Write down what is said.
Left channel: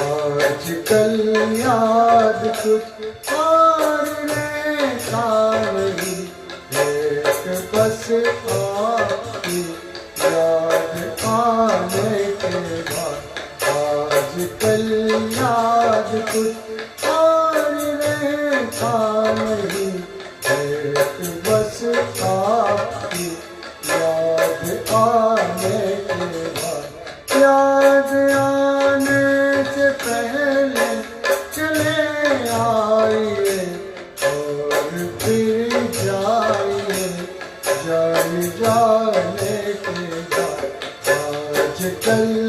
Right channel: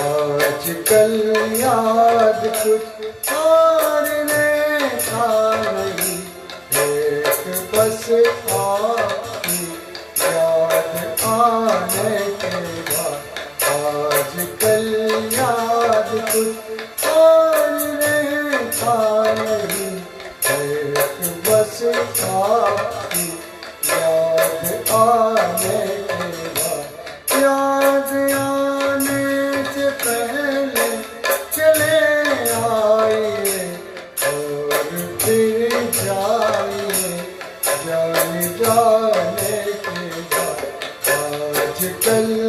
आजकल याद कुछ और रहता नहीं, एक बस आपकी याद आने के बाद। आजकल याद कुछ और रहता नहीं, एक बस आपकी याद आने के बाद। याद आने से पहले चले आइए और फिर जाइए, जाने के बाद। आजकल